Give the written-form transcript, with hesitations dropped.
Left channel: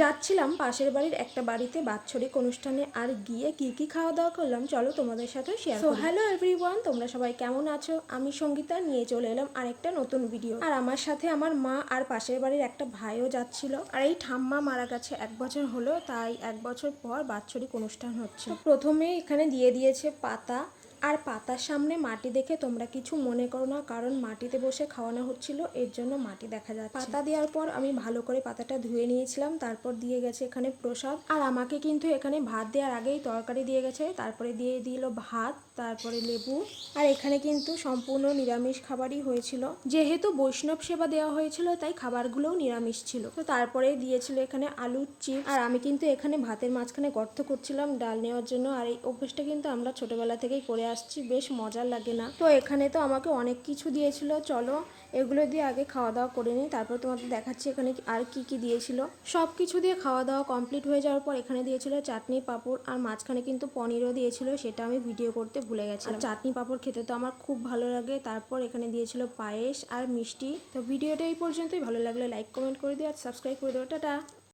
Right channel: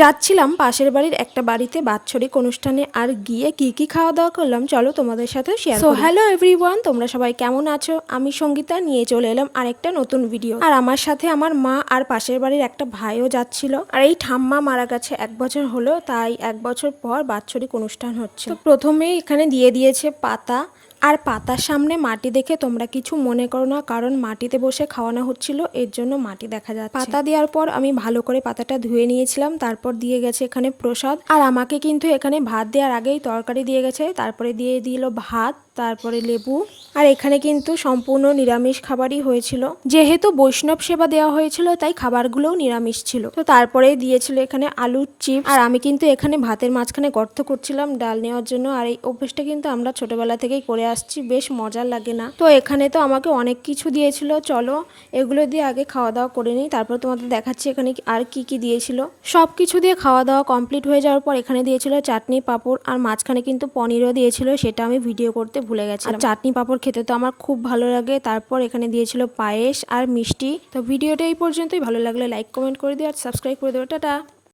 যাচ্ছিলাম পাশের বাড়ির একটা বাড়িতে বাৎসরিক অনুষ্ঠানে, আর গিয়ে কি কি খাওয়া দাওয়া করলাম চলো তোমাদের সাথে শেয়ার করি। হ্যালো এভরিওয়ান, তোমরা সবাই কেমন আছো? আমি সঙ্গীতা নিয়ে চলে এলাম আরেকটা নতুন ভিডিও। আর আমার সাথে আমার মা আর পাশের বাড়ির একটা ভাইও যাচ্ছিল। আর এই ঠাম্মা মারা গেছে 1 বছর হলো, তাই 1 বছর পর বাৎসরিক অনুষ্ঠান হচ্ছে। তো প্রথমেই এখানে দিয়ে দিয়েছে পাতা, আর পাতার সামনে মাটি দেখে তোমরা কিছু মনে করো না, কারণ মাটিতে বসে খাওয়ানো হচ্ছিল, এর জন্য মাটি দেখা যাচ্ছে। পাতা দেওয়ার পর আমি ভালো করে পাতাটা ধুয়ে নিয়েছিলাম, তারপর দিয়ে গেছে এখানে প্রসাদ। আর আমাকে কিন্তু এখানে ভাত দেওয়ার আগেই তরকারি দিয়ে গেছে, তারপরে দিয়ে দিল ভাত, তারপরে লেবু। আর এখানে কিন্তু সম্পূর্ণ নিরামিষ খাবারই হয়েছিল, যেহেতু বৈষ্ণব সেবা দেওয়া হয়েছিল তাই খাবারগুলোও নিরামিষ ছিল। তো তারপরে দিয়েছিল এখানে আলুর চিপস। আর আমি কিন্তু এখানে ভাতের মাঝখানে গর্ত করছিলাম ডাল নেওয়ার জন্য, আর এই অভ্যেসটা কিন্তু আমরা ছোটবেলা থেকেই করে আসছি, বেশ মজার লাগে না? তো এখানে তো আমাকে অনেক কিছু দিয়েছিল, চলো এগুলো দিয়ে আগে খাওয়া দাওয়া করে নিই, তারপর তোমাদের দেখাচ্ছি এখানে আর কি কি দিয়েছিল। সব কিছু দিয়ে খাওয়া দাওয়া কমপ্লিট হয়ে যাওয়ার পর এখানে দিয়েছিল চাটনি পাঁপড়, আর মাঝখানে কিন্তু পনিরও দিয়েছিল, সেটা আমি ভিডিও করতে ভুলে গেছিলাম। চাটনি পাঁপড় খেতে তো আমার খুব ভালো লাগে। তারপর এখানে দিয়েছিল পায়েস আর মিষ্টি। তো ভিডিওটা এই পর্যন্তই, ভালো লাগলে লাইক কমেন্ট করে দিও আর সাবস্ক্রাইব করে দিও। টাটা।